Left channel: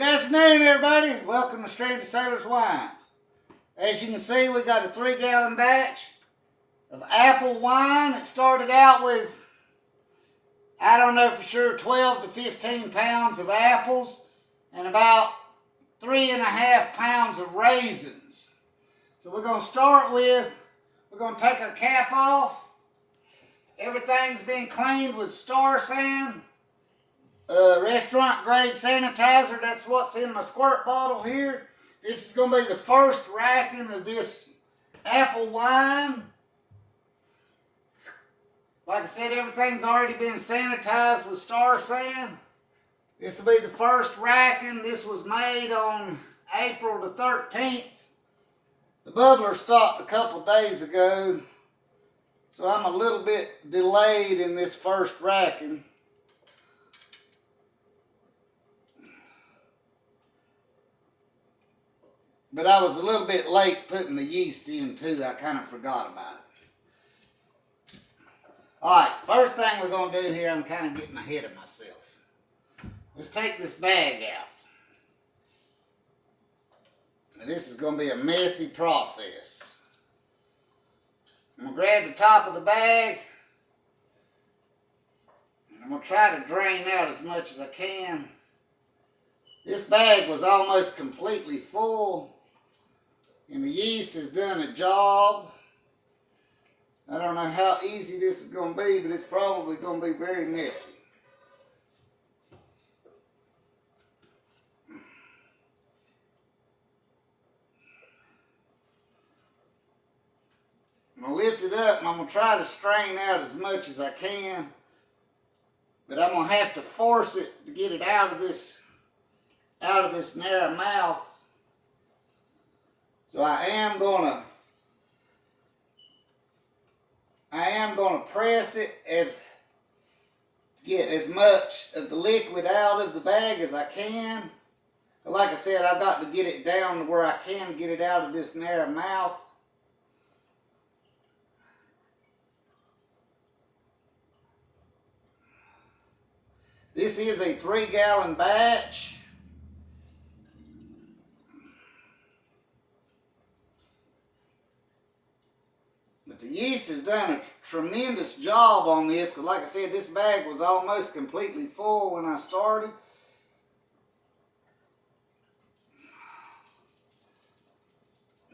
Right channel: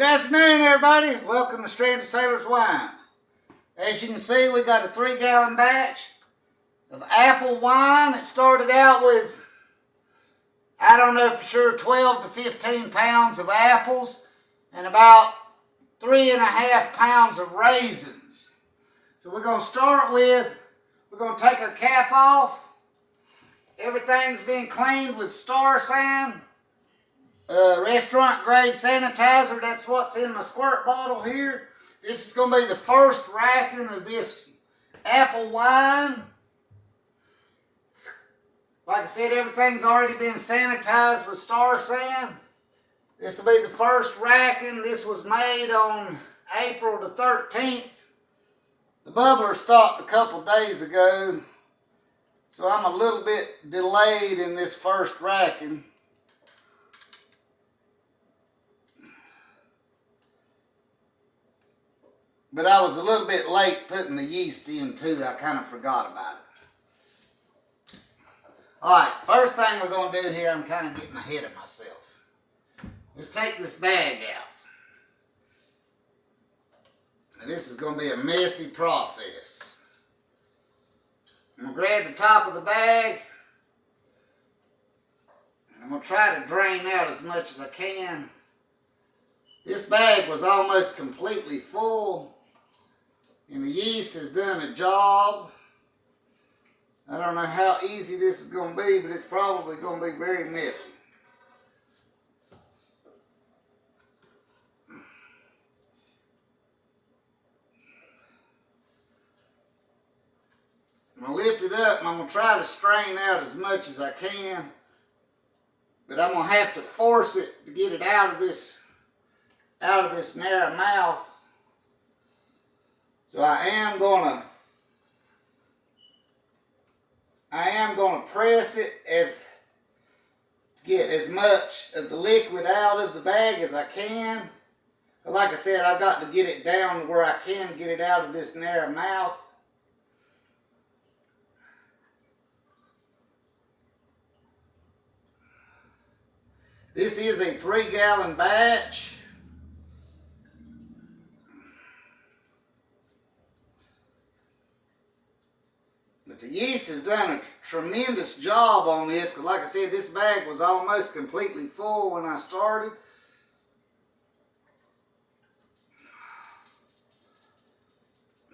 Good afternoon, everybody. Welcome to Stranded Sailors Wines. As you can see, we got a 3-gallon batch of apple wine. It started out with, I don't know for sure, 12 to 15 pounds of apples and about 3.5 pounds of raisins. So we're going to start with, we're going to take our cap off. Everything's been cleaned with Star San. Restaurant grade sanitizer. That's what's in my squirt bottle here. This is going to be the first racking of this apple wine. Like I said, everything's already been sanitized with Star San. This will be the first racking. This was made on April the 13th. The bubbler stopped a couple days ago, so I'm a little bit delayed in this first racking. But I was a little bit late putting the yeast in too. I kind of forgot about it. Alright, first thing we're going to do here, I'm kind of getting ahead of myself. Let's take this bag out. Now, this is going to be a messy process. I'm going to grab the top of the bag. And I'm going to try to drain out as much as I can. This bag was almost completely full. And the yeast has done a job. I don't know how easy this is going to be, but it's probably going to be very messy. I'm going to lift it up and I'm going to try to strain out as much as I can. But I'm going to have to force it to get it out of this narrow mouth. So I am going to press it to get as much of the liquid out of the bag as I can. But like I said, I've got to get it down to where I can get it out of this narrow mouth. This is a 3-gallon batch. But the yeast has done a tremendous job on this, because like I said, this bag was almost completely full when I started.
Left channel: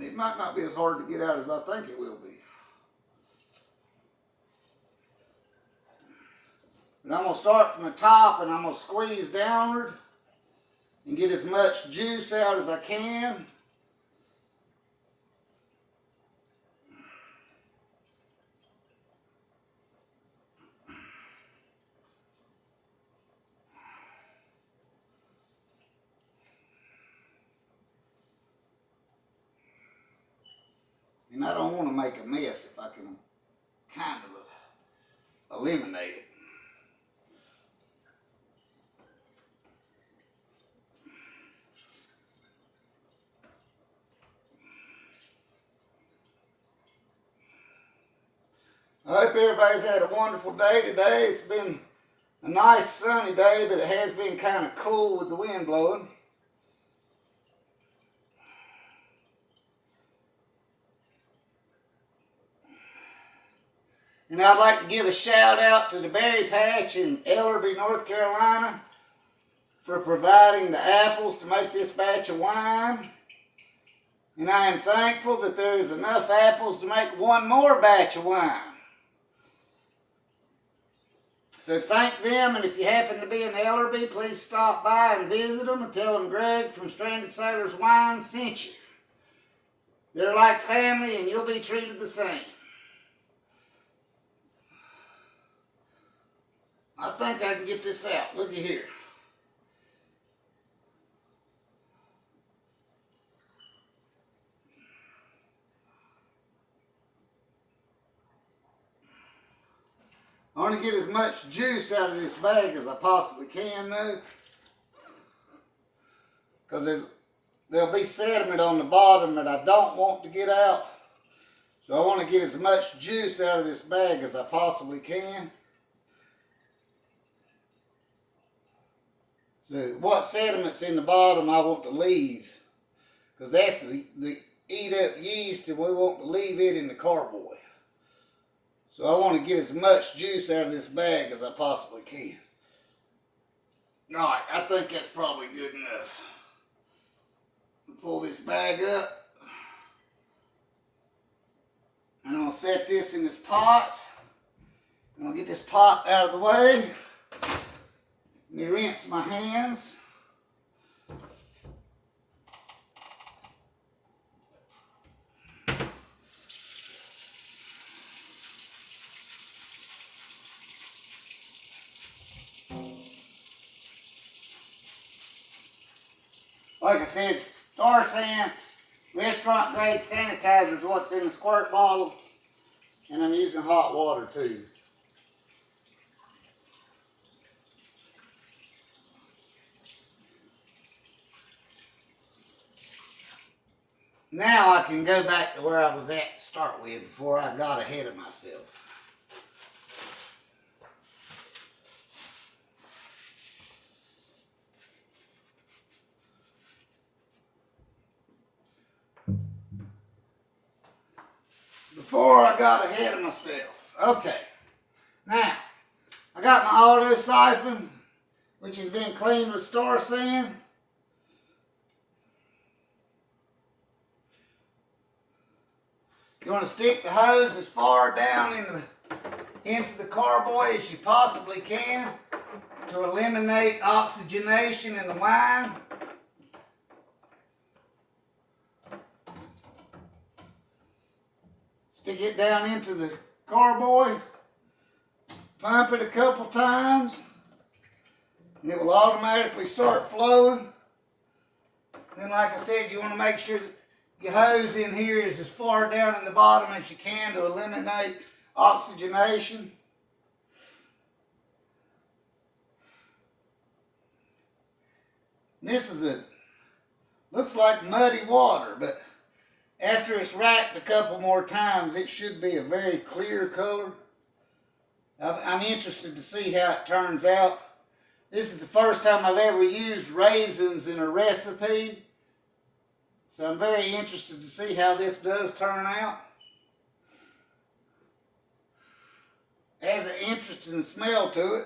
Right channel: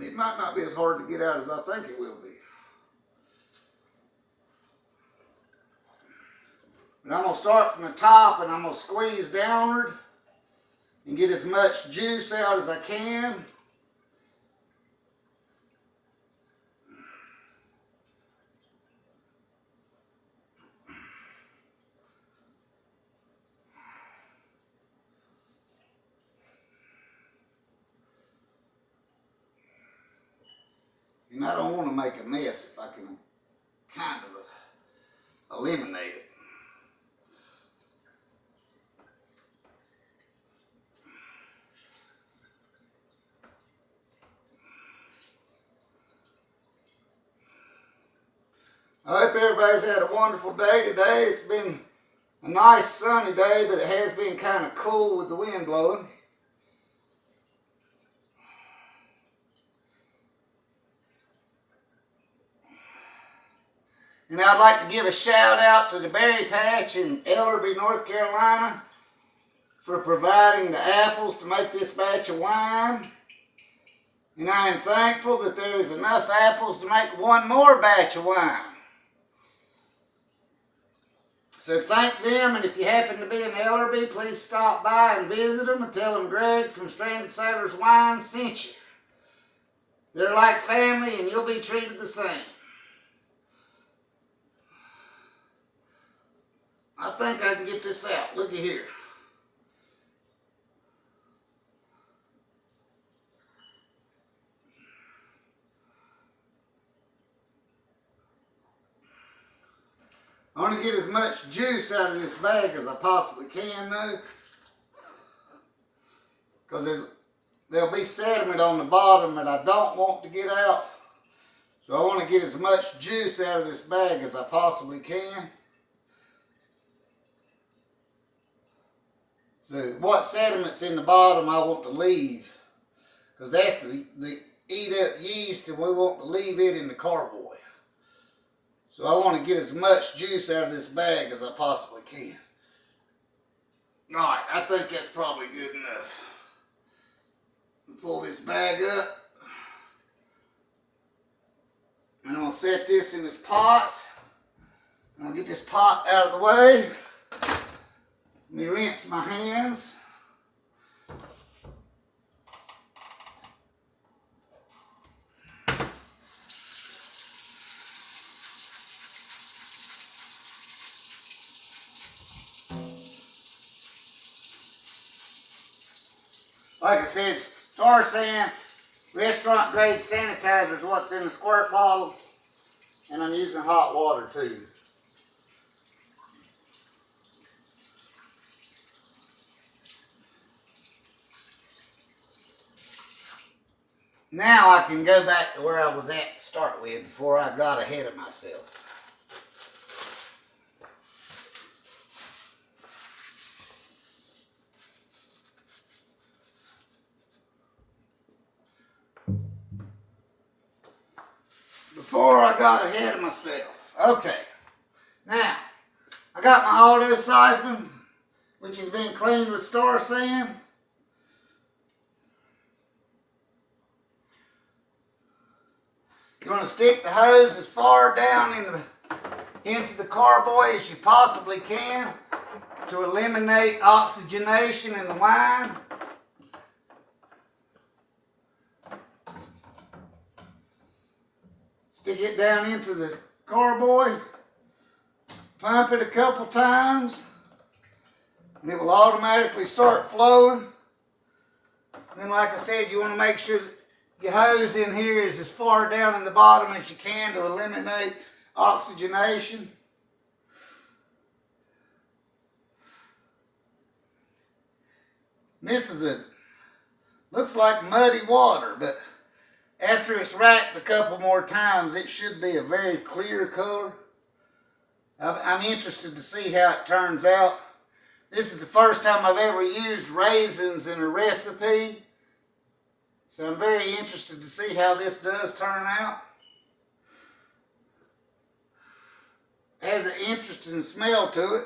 It might not be as hard to get out as I think it will be. But I'm going to start from the top and I'm going to squeeze downward and get as much juice out as I can. And I don't want to make a mess if I can kind of eliminate it. I hope everybody's had a wonderful day today. It's been a nice sunny day, but it has been kind of cool with the wind blowing. And I'd like to give a shout out to the Berry Patch in Ellerby, North Carolina for providing the apples to make this batch of wine. And I am thankful that there is enough apples to make one more batch of wine. So thank them, and if you happen to be in Ellerby, please stop by and visit them and tell them Greg from Stranded Sailors Wine sent you. They're like family and you'll be treated the same. I think I can get this out. Looky here. I want to get as much juice out of this bag as I possibly can though. Because there'll be sediment on the bottom that I don't want to get out. So I want to get as much juice out of this bag as I possibly can. So what sediment's in the bottom I want to leave, because that's the eat up yeast, and we want to leave it in the carboy. So I want to get as much juice out of this bag as I possibly can. Alright, I think that's probably good enough. Pull this bag up. I'm going to set this in this pot. I'm going to get this pot out of the way. Let me rinse my hands. Like I said, Star San restaurant grade sanitizer is what's in the squirt bottle, and I'm using hot water too. Now I can go back to where I was at to start with before I got ahead of myself. Before I got ahead of myself. Okay. Now, I got my auto siphon, which has been cleaned with Star San. You're going to stick the hose as far down into the carboy as you possibly can to eliminate oxygenation in the wine. Stick it down into the carboy, pump it a couple times, and it will automatically start flowing. Then, like I said, you want to make sure that your hose in here is as far down in the bottom as you can to eliminate oxygenation. And this is looks like muddy water, but after it's racked a couple more times, it should be a very clear color. I'm interested to see how it turns out. This is the first time I've ever used raisins in a recipe, so I'm very interested to see how this does turn out. It has an interesting smell to it.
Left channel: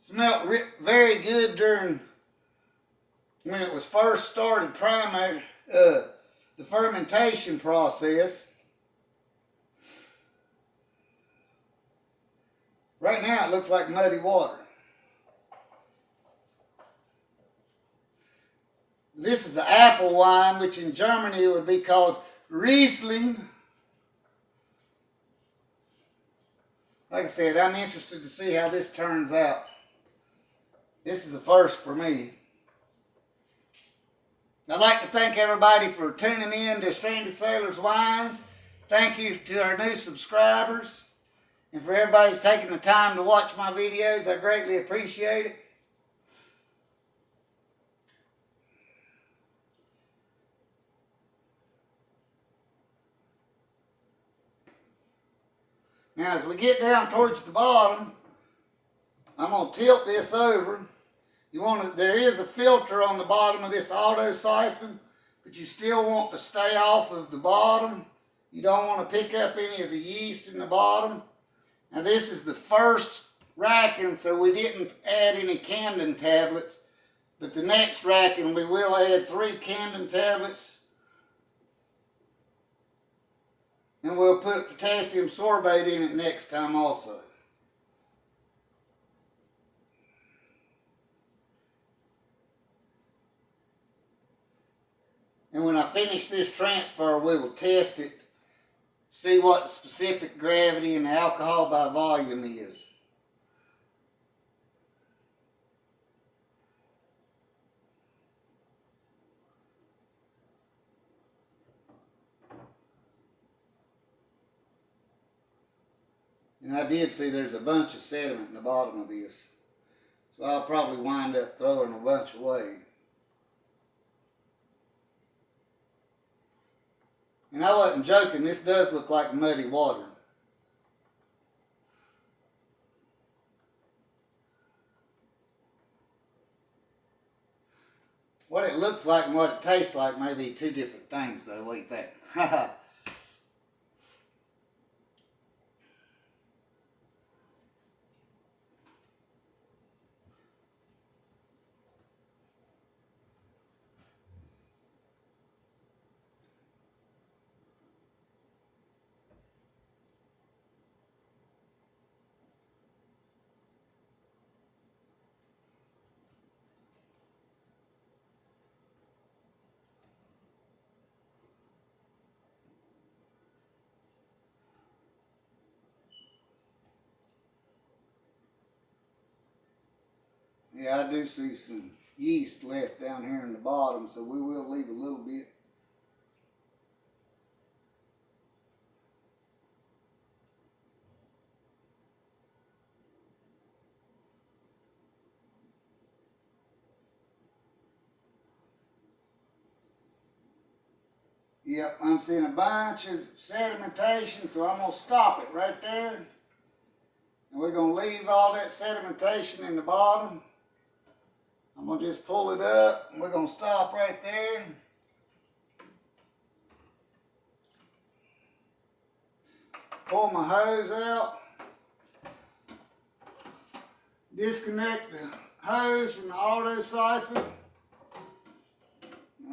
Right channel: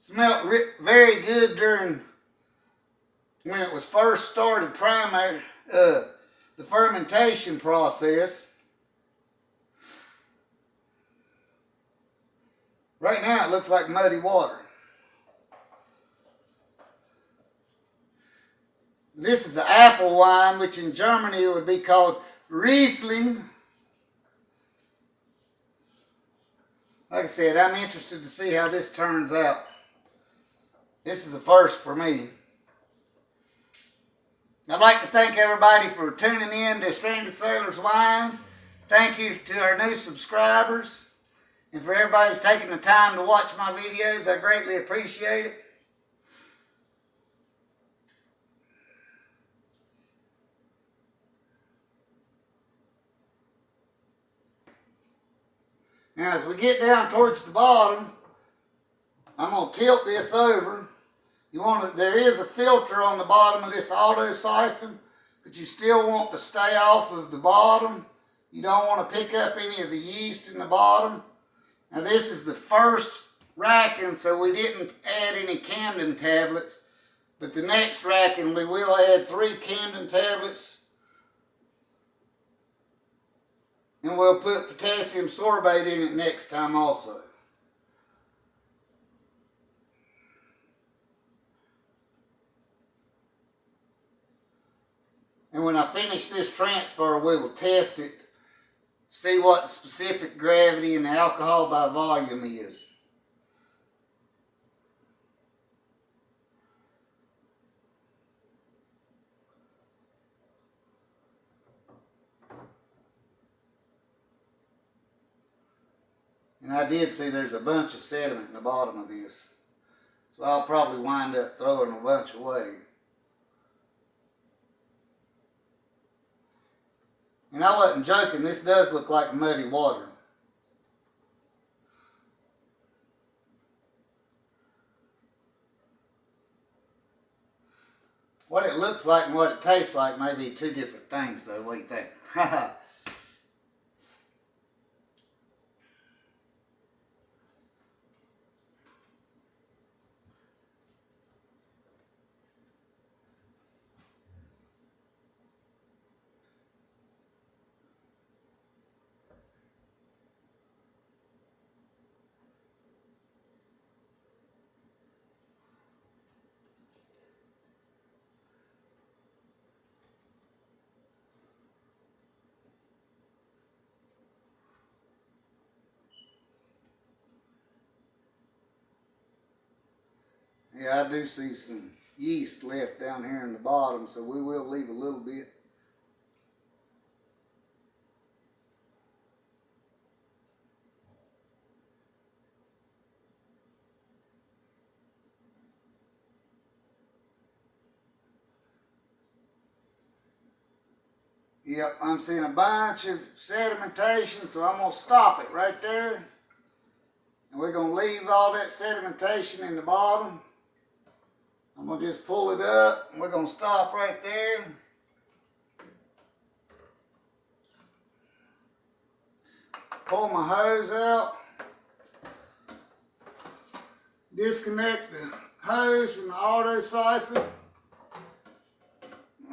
Smelled very good during when it was first started the fermentation process. Right now it looks like muddy water. This is an apple wine, which in Germany would be called Riesling. Like I said, I'm interested to see how this turns out. This is the first for me. I'd like to thank everybody for tuning in to Stranded Sailors Wines. Thank you to our new subscribers. And for everybody who's taking the time to watch my videos, I greatly appreciate it. Now as we get down towards the bottom, I'm going to tilt this over. There is a filter on the bottom of this auto siphon, but you still want to stay off of the bottom. You don't want to pick up any of the yeast in the bottom. Now this is the first racking, so we didn't add any Camden tablets, but the next racking we will add 3 Camden tablets, and we'll put potassium sorbate in it next time also. And when I finish this transfer, we will test it, see what the specific gravity and the alcohol by volume is. And I did see there's a bunch of sediment in the bottom of this, so I'll probably wind up throwing a bunch away. And I wasn't joking, this does look like muddy water. What it looks like and what it tastes like may be two different things, though. What do you think? Yeah, I do see some yeast left down here in the bottom, so we will leave a little bit. Yep, I'm seeing a bunch of sedimentation, so I'm going to stop it right there. And we're going to leave all that sedimentation in the bottom. I'm going to just pull it up, and we're going to stop right there. Pull my hose out. Disconnect the hose from the auto siphon. And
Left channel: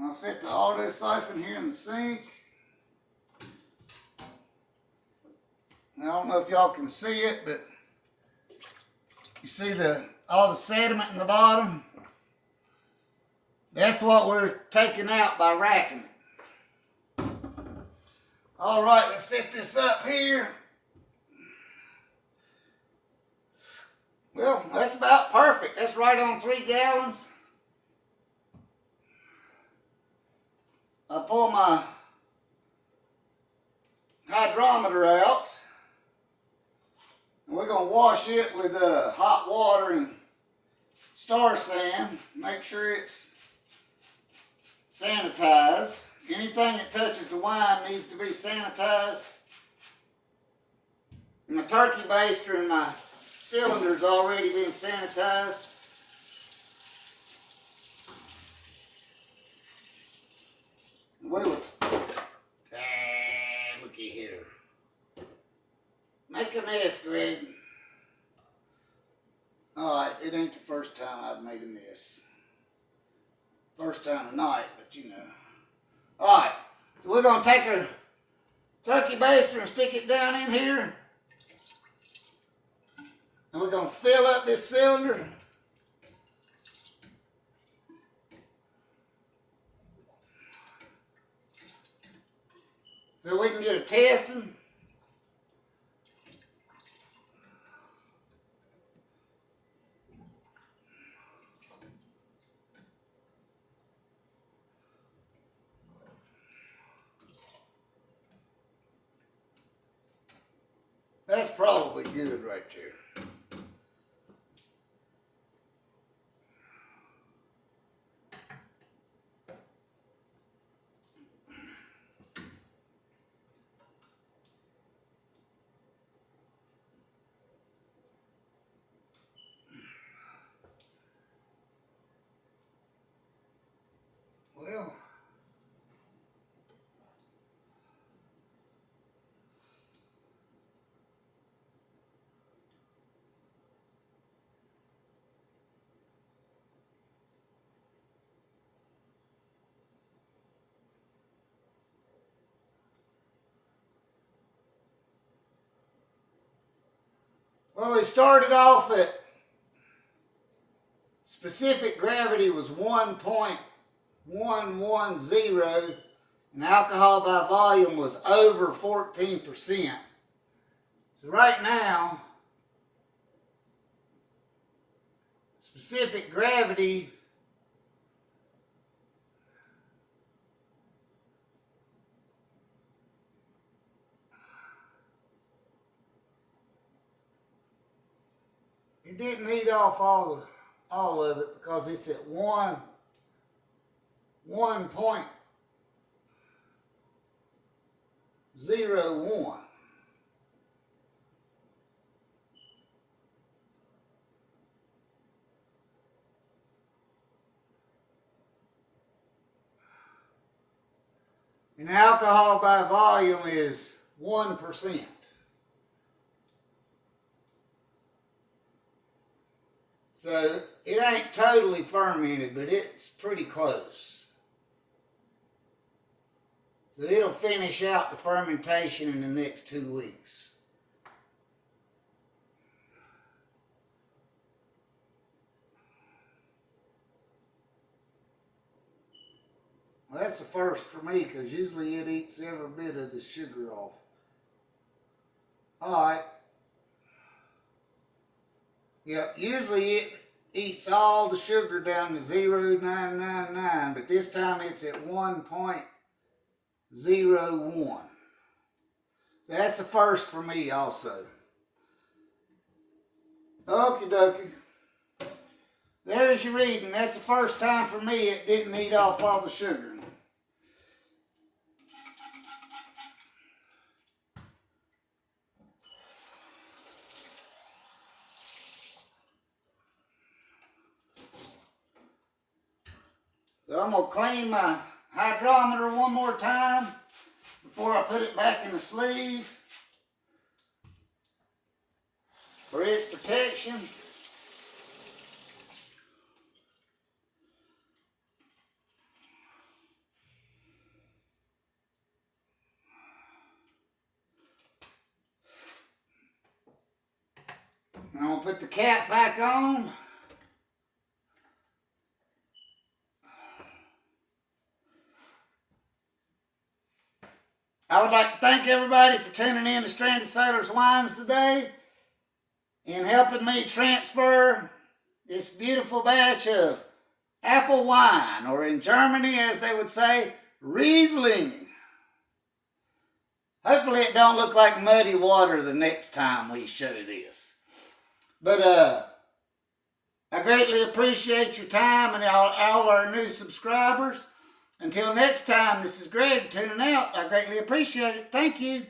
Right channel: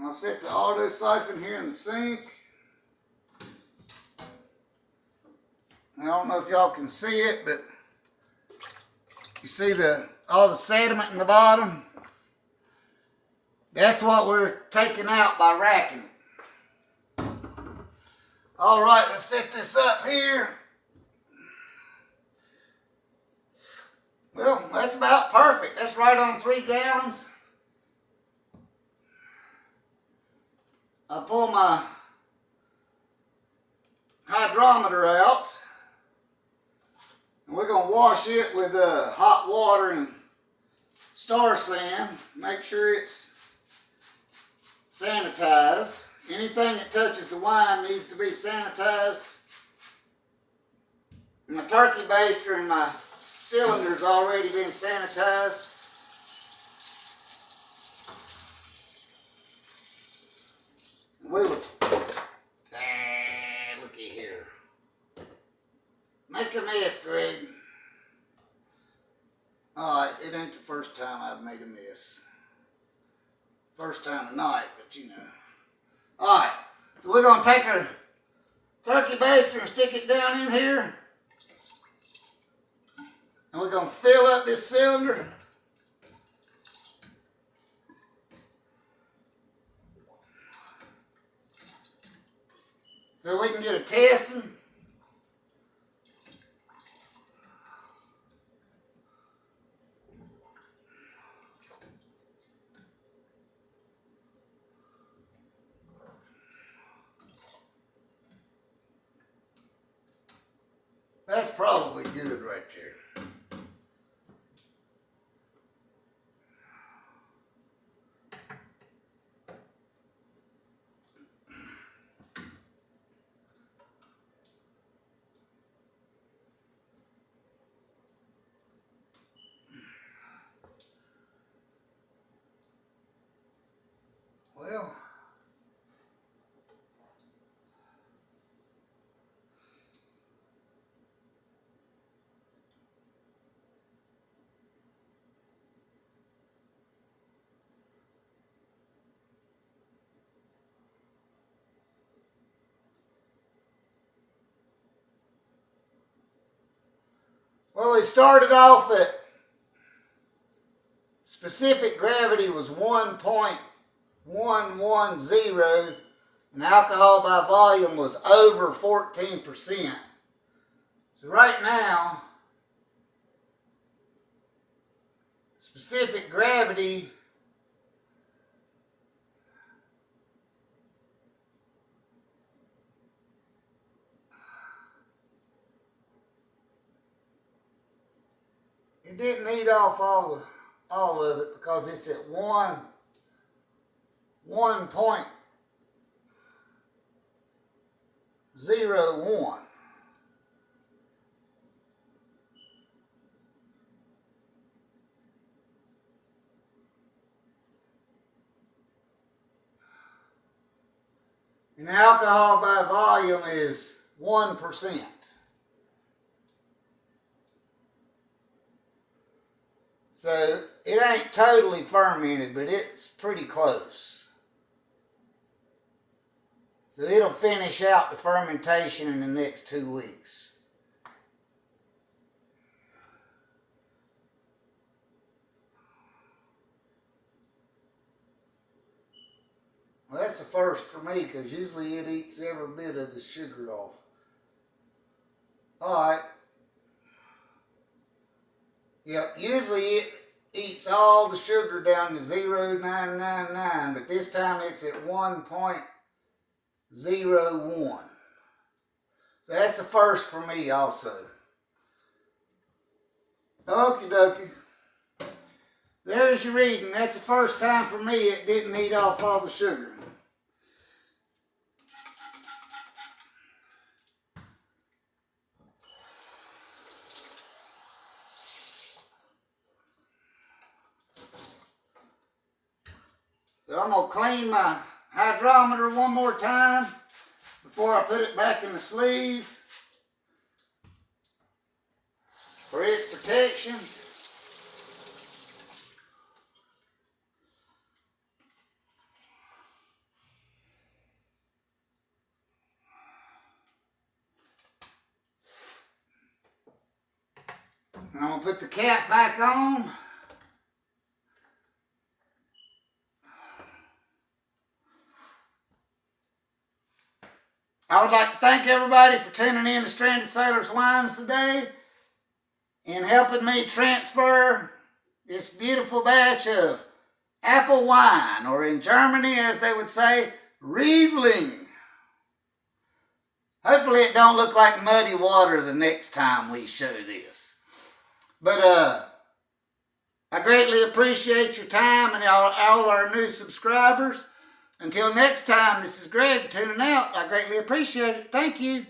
I'll set the auto siphon here in the sink. I don't know if y'all can see it, but you see all the sediment in the bottom? That's what we're taking out by racking it. All right, let's set this up here. Well, that's about perfect. That's right on 3 gallons. I pull my hydrometer out. And we're going to wash it with hot water and Star San. Make sure it's sanitized. Anything that touches the wine needs to be sanitized. My turkey baster and my cylinder's already been sanitized. We will, looky here. Make a mess, Greg. Alright, it ain't the first time I've made a mess. First time tonight, but you know. Alright, so we're going to take our turkey baster and stick it down in here. And we're going to fill up this cylinder. So we can get a testing. That's probably good right there. Well, we started off at specific gravity was 1.110 and alcohol by volume was over 14%. So right now, specific gravity it didn't eat off all of it because it's at 1.01. And alcohol by volume is 1%. So it ain't totally fermented, but it's pretty close. So it'll finish out the fermentation in the next 2 weeks. Well, that's a first for me because usually it eats every bit of the sugar off. All right. Yep, usually it eats all the sugar down to 0.999, but this time it's at 1.01. So that's a first for me also. Okie dokie. There's your reading. That's the first time for me it didn't eat off all the sugar. So I'm going to clean my hydrometer one more time before I put it back in the sleeve for its protection. And I'm going to put the cap back on. I would like to thank everybody for tuning in to Stranded Sailors Wines today and helping me transfer this beautiful batch of apple wine, or in Germany, as they would say, Riesling. Hopefully it don't look like muddy water the next time we show this. But I greatly appreciate your time and all our new subscribers. Until next time, this is Greg tuning out. I greatly appreciate it. Thank you.